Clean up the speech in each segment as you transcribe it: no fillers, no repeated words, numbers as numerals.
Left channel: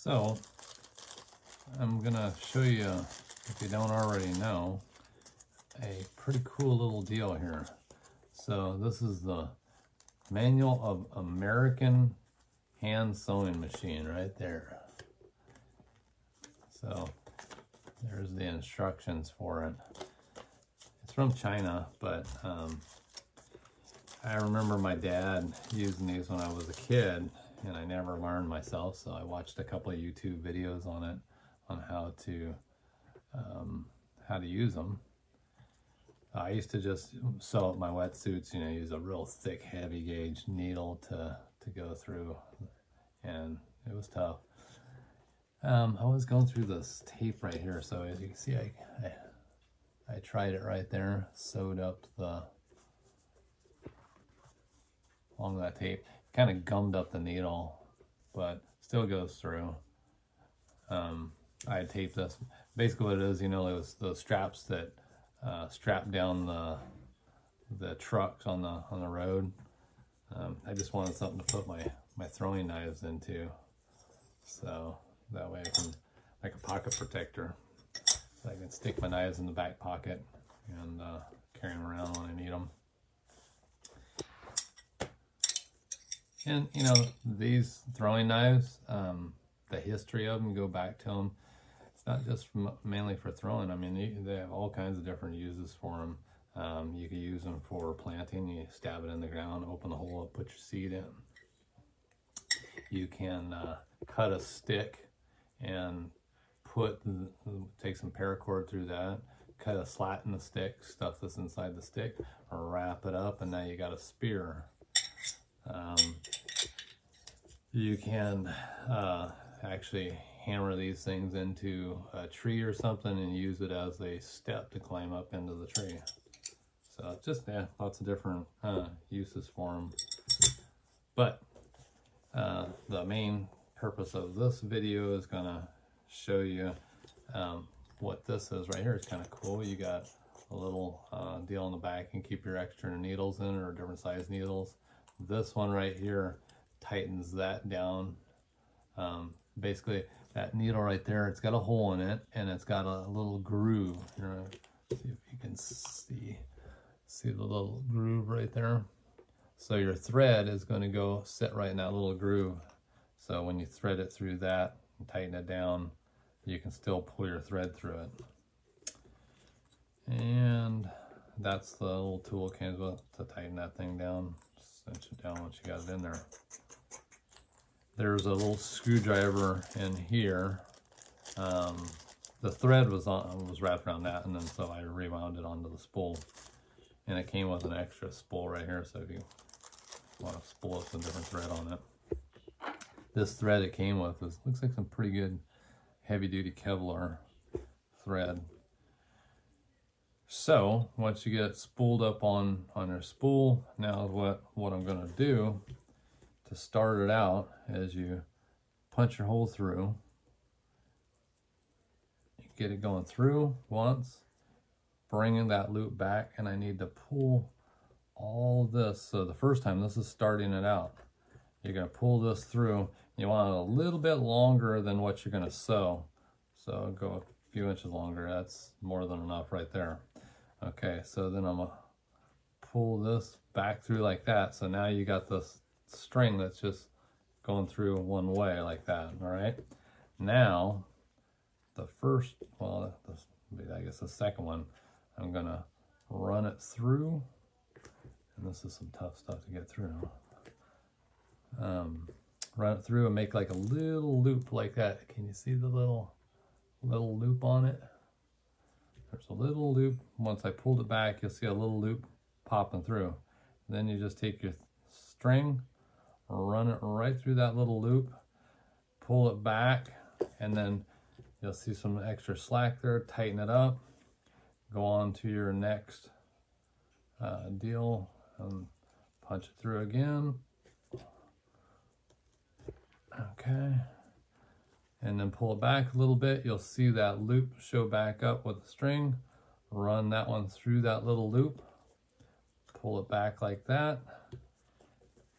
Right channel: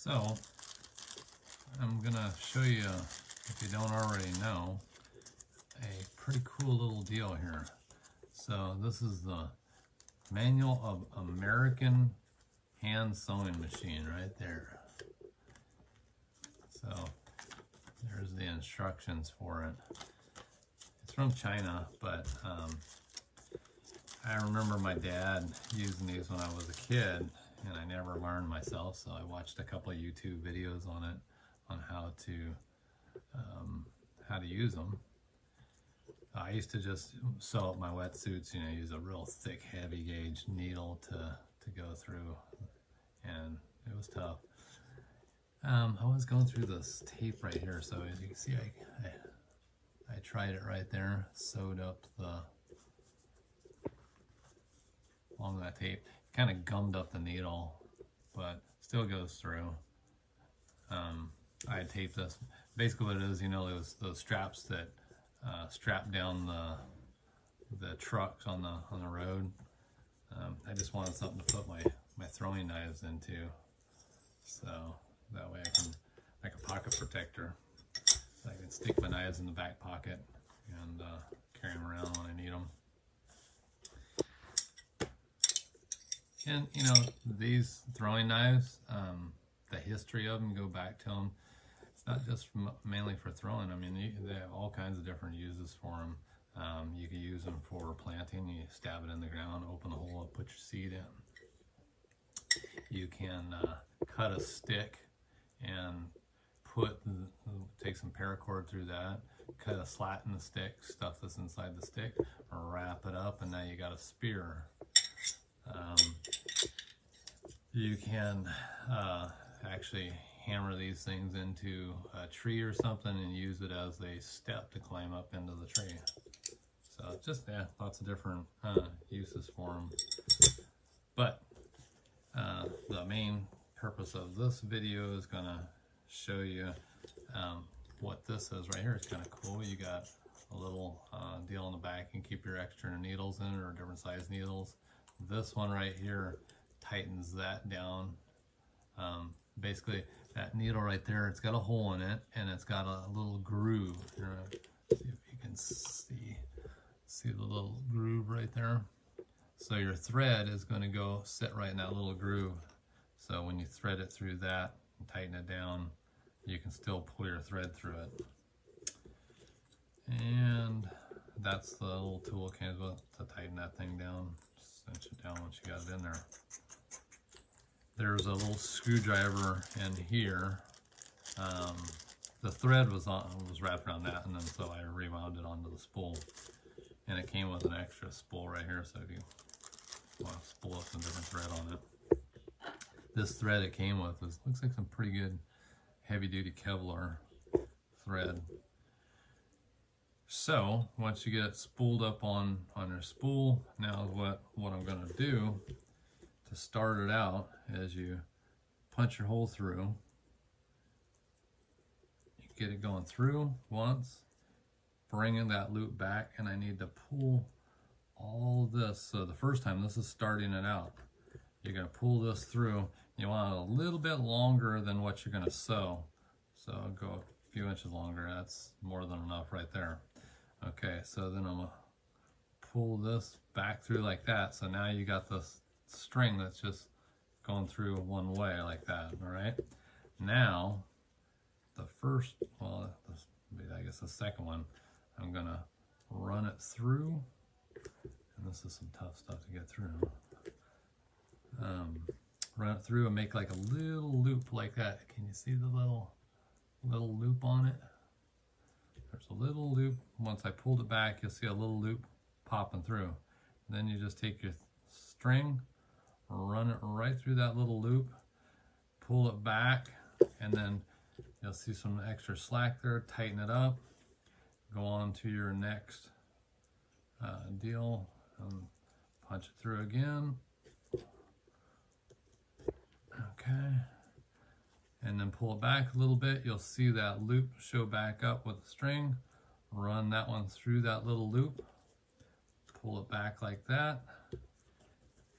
So I'm gonna show you, if you don't already know, a pretty cool little deal here. So this is the Manual of American Hand Sewing Machine right there. So there's the instructions for it. It's from China, but I remember my dad using these when I was a kid, and I never learned myself, so I watched a couple of YouTube videos on it, on how to use them. I used to just sew up my wetsuits, you know, use a real thick, heavy gauge needle to go through, and it was tough. I was going through this tape right here, so as you can see, I tried it right there, sewed up along that tape, kind of gummed up the needle, but still goes through. I taped this. Basically what it is, you know, it was the straps that strap down the trucks on the road. I just wanted something to put my throwing knives into, so that way I can make a pocket protector. So I can stick my knives in the back pocket and carry them around when I need them. And you know, these throwing knives, the history of them, go back to them. It's not just mainly for throwing. I mean, they have all kinds of different uses for them. You can use them for planting. You stab it in the ground, open the hole up, put your seed in. You can cut a stick and take some paracord through that, cut a slat in the stick, stuff this inside the stick, wrap it up, and now you got a spear. You can actually hammer these things into a tree or something and use it as a step to climb up into the tree. So just, yeah, lots of different uses for them. But the main purpose of this video is gonna show you what this is right here. It's kind of cool. You got a little deal in the back. You can keep your extra needles in it, or different size needles. This one right here tightens that down. Basically, that needle right there, it's got a hole in it, and it's got a little groove. Here, see if you can see the little groove right there. So your thread is going to go sit right in that little groove. So when you thread it through that and tighten it down, you can still pull your thread through it. And that's the little tool came with to tighten that thing down. Cinch it down once you got it in there. There's a little screwdriver in here. The thread was wrapped around that, and then so I rewound it onto the spool. And it came with an extra spool right here, so if you want to spool it with a different thread on it. This thread it came with looks like some pretty good heavy-duty Kevlar thread. So once you get it spooled up on your spool, now what I'm going to do to start it out is you punch your hole through, you get it going through once, bringing that loop back, and I need to pull all this. So the first time, this is starting it out. You're going to pull this through. You want it a little bit longer than what you're going to sew. So go a few inches longer. That's more than enough right there. Okay, so then I'm going to pull this back through like that. So now you got this string that's just going through one way like that, all right? Now, the first, well, I guess the second one, I'm going to run it through. And this is some tough stuff to get through. Run it through and make like a little loop like that. Can you see the little loop on it? There's a little loop. Once I pulled it back, you'll see a little loop popping through. Then you just take your string, run it right through that little loop, pull it back, and then you'll see some extra slack there. Tighten it up. Go on to your next deal and punch it through again. Okay. And then pull it back a little bit. You'll see that loop show back up with the string. Run that one through that little loop. Pull it back like that.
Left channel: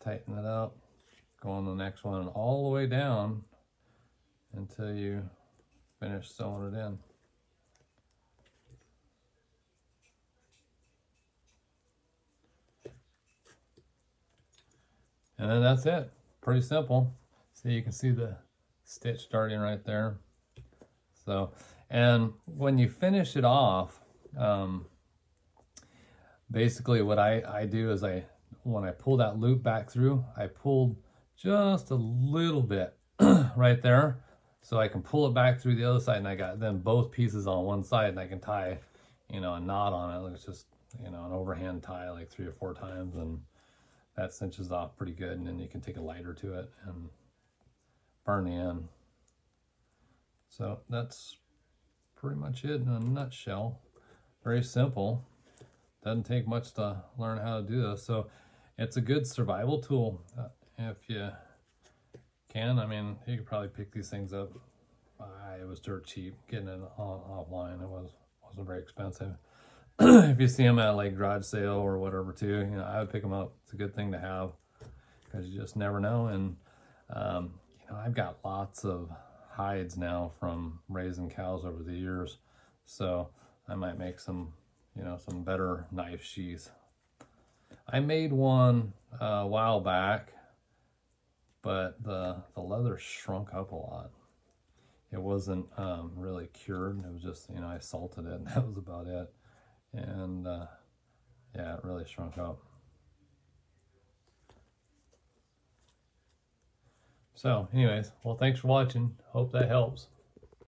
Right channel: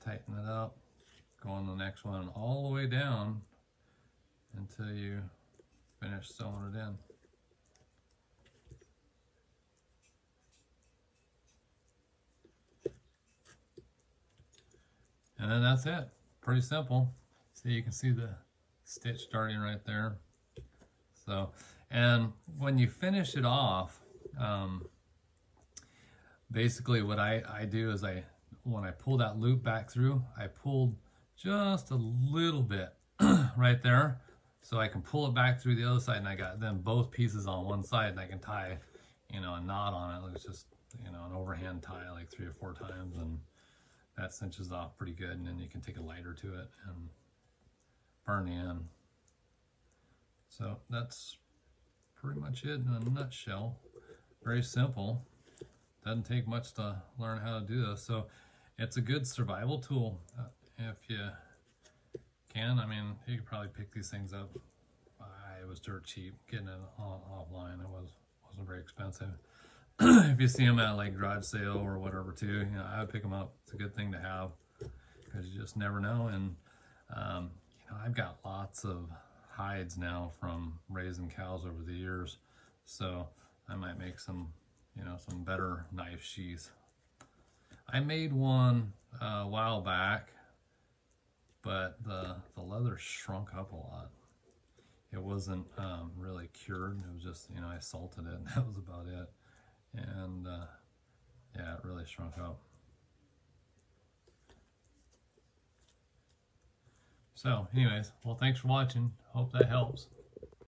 Tighten it up. Go on the next one all the way down. until you finish sewing it in. And then that's it. Pretty simple. So you can see the stitch starting right there. So, and when you finish it off, basically what I do is when I pull that loop back through, I pulled just a little bit right there, so I can pull it back through the other side, and I got then both pieces on one side, and I can tie, you know, a knot on it. It's just, you know, an overhand tie like 3 or 4 times, and that cinches off pretty good. And then you can take a lighter to it and burn the end. So that's pretty much it in a nutshell. Very simple. Doesn't take much to learn how to do this. So it's a good survival tool if you can. I mean, you could probably pick these things up. It was dirt cheap getting it offline. It wasn't very expensive. If you see them at like garage sale or whatever too, you know, I would pick them up. It's a good thing to have because you just never know. And you know, I've got lots of hides now from raising cows over the years, so I might make some, you know, some better knife sheaths. I made one a while back, but the leather shrunk up a lot. It wasn't really cured. It was just, you know, I salted it and that was about it. And yeah, it really shrunk up. So anyways, well, thanks for watching. Hope that helps.